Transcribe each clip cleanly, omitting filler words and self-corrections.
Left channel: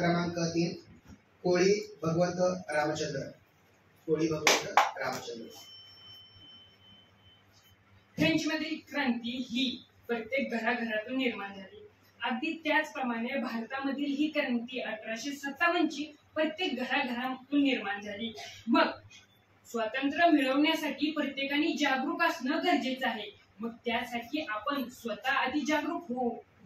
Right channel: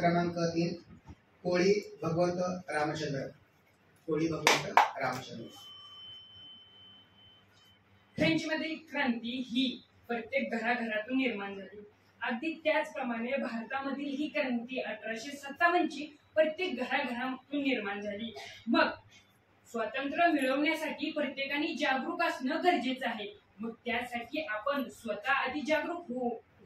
क्रमांक 3 कोळी भगवंत रामचंद्र. कोळी भगवंत रामचंद्र. फ्रेंचमधील क्रांती ही प्रत्येक घराघरातून निर्माण झाली. अगदी त्याचप्रमाणे भारतामधील ही क्रांती 1857 ची प्रत्येक घराघरातून निर्माण झाली. मग स्वातंत्र्य मिळवण्यासाठी प्रत्येकाने जागरूक असणं गरजेचं आहे. मग त्यासाठी आपण स्वतः आधी जागरूक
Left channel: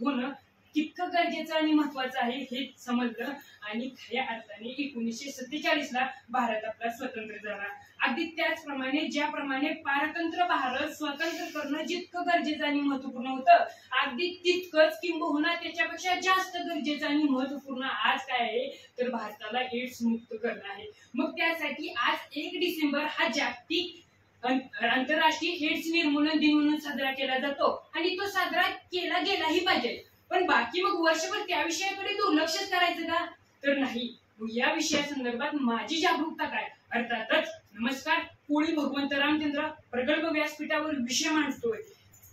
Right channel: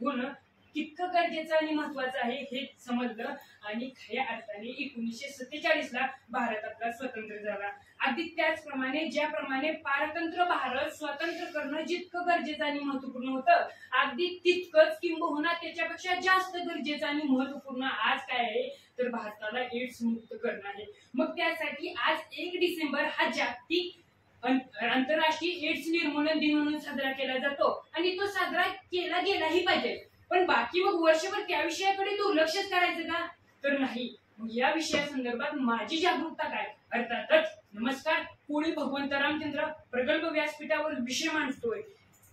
होणं कितकं गरजेचं आणि महत्वाचं आहे हे समजलं. आणि खऱ्या अर्थाने 1947 ला भारत आपला स्वतंत्र झाला. अगदी त्याचप्रमाणे ज्याप्रमाणे पारतंत्र्य भारत स्वतंत्र करणं जितकं गरजेचं आणि महत्वपूर्ण होतं, अगदी तितकंच किंबहुना त्याच्यापेक्षा जास्त गरजेचं आणि महत्वपूर्ण आज काय आहे तर भारताला एड्स मुक्त करणं आहे. मग त्यासाठी आज 1 डिसेंबर हा जागतिक आंतरराष्ट्रीय एड्स निर्मूलन दिन म्हणून साजरा केला जातो आणि तो साजरा केला गेलाही पाहिजे. पण बाकी मग वर्षभर त्या विषयाकडे दुर्लक्षच करायचं का तर नाही. मग या विषयासंदर्भात माझी जागरूकता काय? अर्थातच नमस्कार, कोळी भगवंत रामचंद्र प्रगल्भ व्यासपीठावर विषय मांडतोय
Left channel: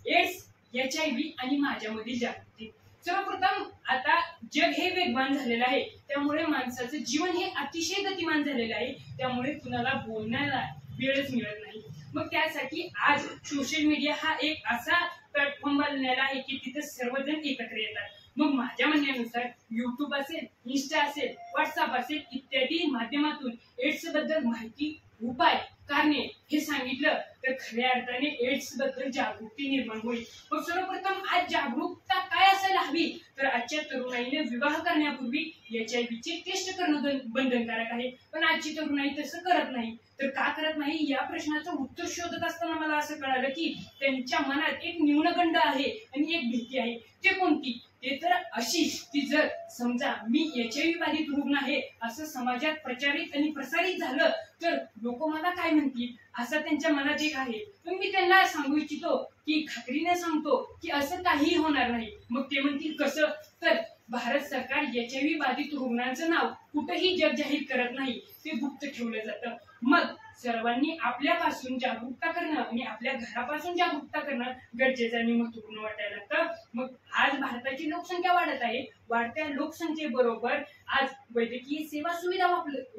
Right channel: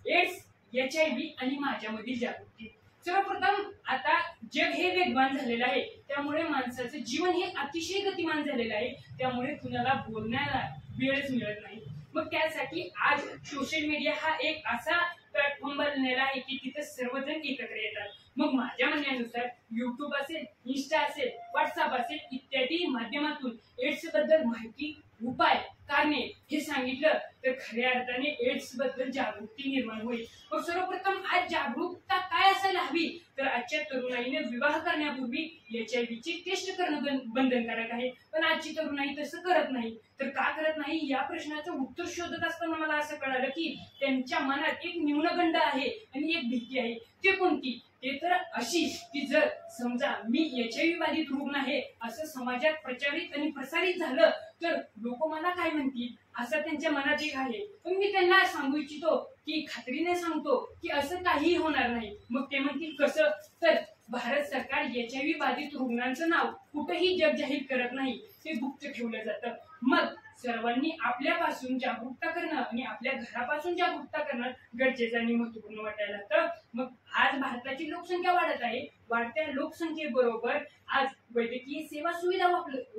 एड्स, HIV आणि माझ्यामधील जागृती. सर्वप्रथम आता जग हे वेगवान झालेलं आहे, त्यामुळे माणसाचं जीवन हे अतिशय गतिमान झालेलं आहे. त्यामुळे कुणाला बोलण्याला वेळच मिळत नाही. मग त्यासाठी आज सोशल मीडिया हा एक असा प्लॅटफॉर्म बनलेला आहे की तिथे सर्वजण एकत्र येतात. मग माझ्या म्हणण्यानुसार युट्यूब असेल, इन्स्टा असेल, व्हॉट्सअप असेल इत्यादी माध्यमातून एड्स बद्दल माहिती, उपाय, कारणे हे सांगितलं तर खऱ्या अर्थाने एड्स बद्दल जागृती निर्माण होईल. मग सर्वप्रथम आज जागरूकता काय असायला हवी तर आजच्या तरुणाईने विवाह करण्यापूर्वी HIV ची टेस्ट करणं बंधनकारक आहे. पण आजची तरुणाई तसं करत नाही. तर का करत नाही या प्रश्नाचं उत्तर शोधत असताना मला असं कळालं की त्यांच्या मनात एक न्यूनगंड आहे आणि एक भीती आहे. ते कोणती? ते तर अशी की जर समजा मी HIV बाधित रुग्ण आहे असं समाजात प्रचारित आणि प्रसारित झालं तर लोक मला काय म्हणतील असं त्यांच्या मनात एक आहे. पण मी त्यांना सांगू इच्छितो की खात्रीने सांगतो की असं काहीही होणार नाही. मग ते म्हणतील कसं तर भारत सरकार HIV बाधित रुग्णांचं नाव कुठेही जग जाहीर करत नाही, ते गुप्त ठेवलं जातं. मग सर्वांनी आपल्यापासून जागरूकता करणं आणि आपल्या घरापासून जागरूकता करणं गरजेचं आणि महत्वपूर्ण वाटायला लागतं. मग आज भारताची लोकसंख्या वाढत आहे. वाढत्या लोकसंख्येबरोबर आज वैद्यकीय सेवा सुविधा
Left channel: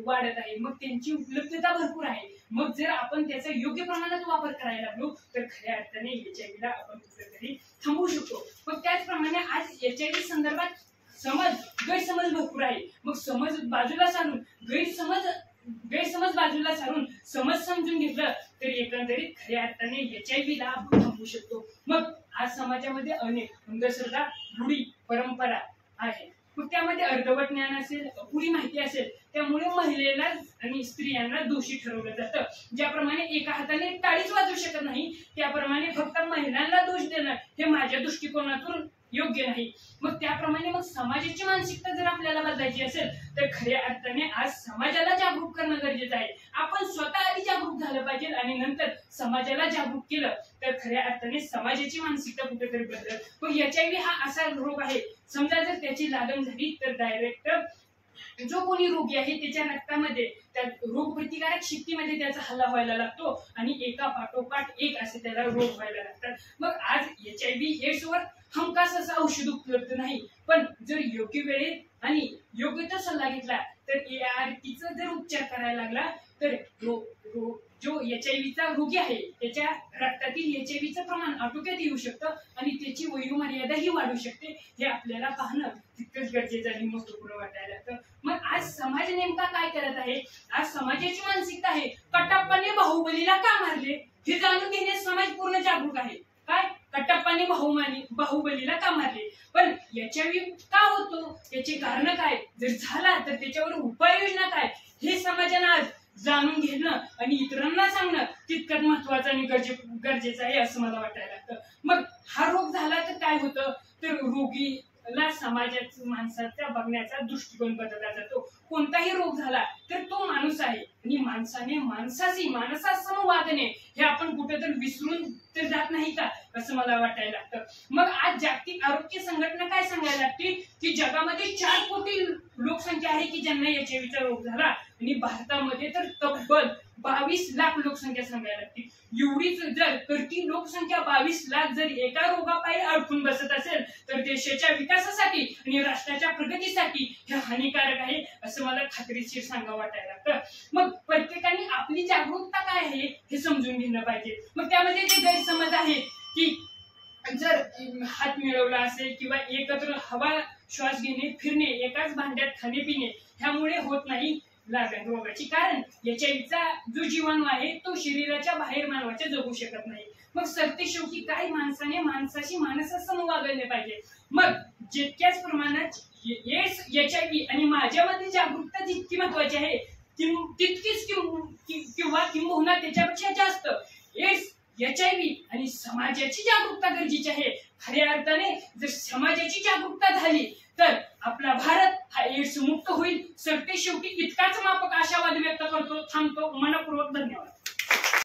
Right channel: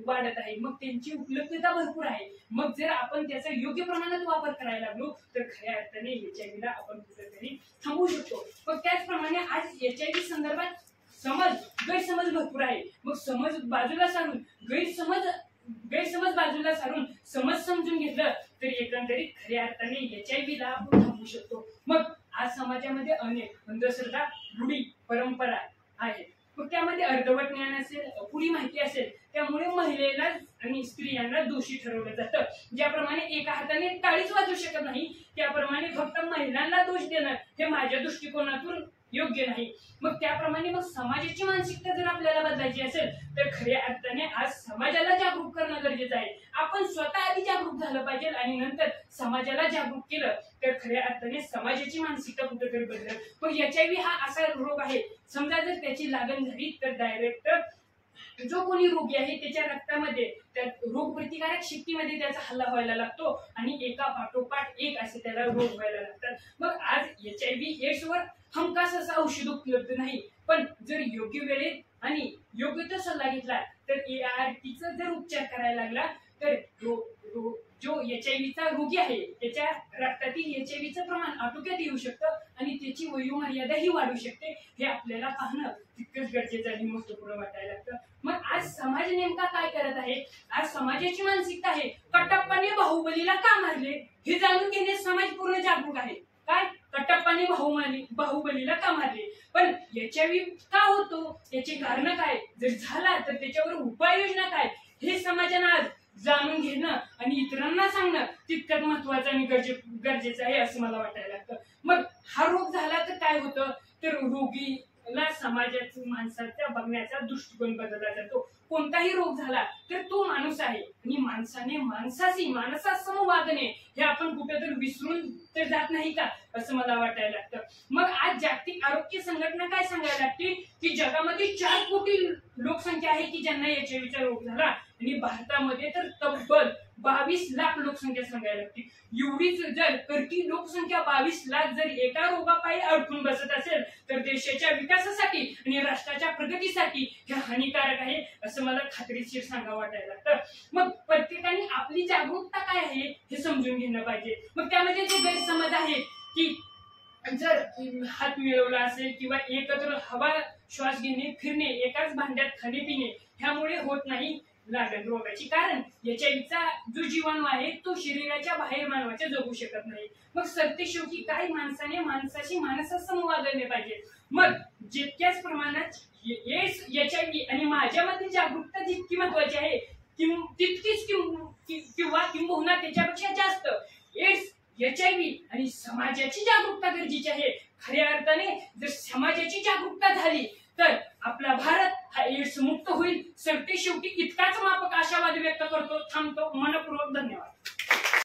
वाढत आहे. मग त्यांची उपलब्धता भरपूर आहे. मग जर आपण त्याचा योग्य प्रमाणात वापर करायला लागलो तर खऱ्या अर्थाने HIV ला आपण कुठेतरी थांबवू शकतो. मग त्याचप्रमाणे आज HIV संदर्भात गैरसमज भरपूर आहे. मग समज बाजूला सारून गैरसमज बाजूला सारून समज समजून घेतलं तर एकंदरीत खऱ्या अर्थाने HIV ला आपण थांबवू शकतो. मग आज समाजामध्ये अनेक अंधश्रद्धा, रूढी, परंपरा आहेत. मग त्यामध्ये अर्धवट ज्ञान असेल, अपुरी माहिती असेल, त्यामुळे महिलेला आणि स्त्रियांना दोषी ठरवलं जातं. ज्याप्रमाणे एका हाताने टाळीच वाजवू शकत नाही त्याप्रमाणे फक्त महिलांना दोष देणं हे माझ्या दृष्टिकोनातून योग्य नाही. मग त्याप्रमाणे मग समाजाची मानसिकता जर आपल्याला बदलायची असेल तर खऱ्या अर्थाने आज समाजाला जागरूक करणं गरजेचं आहे. आपण स्वतः आधी जागरूक झालं पाहिजे आणि नंतर समाजाला जागरूक केलं तर खऱ्या अर्थाने समाजाची मानसिकता कुठेतरी बदलेल. मग HIV हा असा रोग आहे, समजा जर त्याची लागण झाली तर डायरेक्ट जो कोणी रोगी आहे त्याच्या रक्तामध्ये त्या रोग प्रतिकारक शक्तीमध्ये त्याचा हल्ला व्हायला लागतो आणि एका पाठोपाठ एक असे त्याला रोग व्हायला लागतात. मग आज HIV एड्स वर हमखास असं औषध उपलब्ध नाही. पण जर योग्य वेळेत आणि योग्य तो सल्ला घेतला तर ARTचा जर उपचार करायला लागला तर जो HIV चा रोगी आहे त्याच्या रक्तातील HIV चं प्रमाण आटोक्यात येऊ शकतं आणि त्याची वयोमर्यादाही वाढू शकते. हे आपल्याला पाहणं तितकंच गरजेचं आणि महत्वपूर्ण वाटायला लागतं. मग आज समाज नेमका काय करत आहे? आज समाजाची मानसिकता आहे कटप्पाने बाहुबलीला का मारले हे जाणून घेण्यास समाज पूर्ण जागरूक आहे. काय? कटप्पाने बाहुबलीला का मारले, पण HIV का होतो याचे कारण काय, जर झाला तर त्याच्यावर उपाययोजना काय हे समाजानं आज जाणून घेणं आणि इतरांना सांगणं तितकंच महत्वाचं आणि गरजेचं आहे असं मला वाटायला लागतं. मग हा रोग झाला तर काय होतं तर रोगीला समाजाच्या माणसाचा बघण्याचा दृष्टिकोन बदलला जातो. कोणताही रोग झाला तर तो माणूस आहे आणि माणसाने माणसाशी माणसासम वागणे हे आपण कुठेतरी विसरून तर जात नाही का, असं मला वाटायला लागतं. मग आज जागतिक आरोग्य संघटना काय सांगायला लागते की जगामध्ये 4 कोटी लोकसंख्या आहे की ज्यांना एचआयव्हीचा रोग झाला, आणि भारतामध्ये तर तब्बल 22 लाख लोकसंख्या सांगायला लागते. एवढीच जर करती लोकसंख्या 22 लाख जर एका रोगापायी अडकून बसत असेल तर देशाच्या विकासासाठी आणि राष्ट्राच्या प्रगतीसाठी हे हानिकारक आहे, असं मला खात्रीशीर सांगावं वाटायला लागतं. मग प्रत्येकाने आपली जागरूकता काय आहे हे समजून घेणं पाहिजे. मग त्यामध्ये जे गैरसमज आहे की जर हात मिळवला असेल किंवा एकत्र हवा श्वास घेणे, फिरणे, एकाच भांड्यात खाणे पिणे ह्यामुळे होत नाही लागण रोगाची. कारण एचआयव्हीचा जो जीवाणू आहे तो शरीराच्या बाहेर मानवाच्या जगू शकत नाही. मग सरते शेवटी काय, माणसाने माणसाशी माणसासम वागले पाहिजे. मग जितक्याच प्रमाणात एड्स, एचआयव्ही आणि माझ्यामध्ये जागरूकता जितकी महत्वाची आहे तितकीच किंवा किंबहुना त्याच्यापेक्षा जास्त एड्स, एचआयव्ही आणि समाजाची जागरूकता गरजेची आहे. खऱ्या अर्थाने जर समाजाची जागरूकता झाली तर आपला भारत हा एड्स मुक्त होईल. सरते शेवटी इतकाच माफक आशावाद व्यक्त करतो. थांबतो. मनपूर्वक धन्यवाद.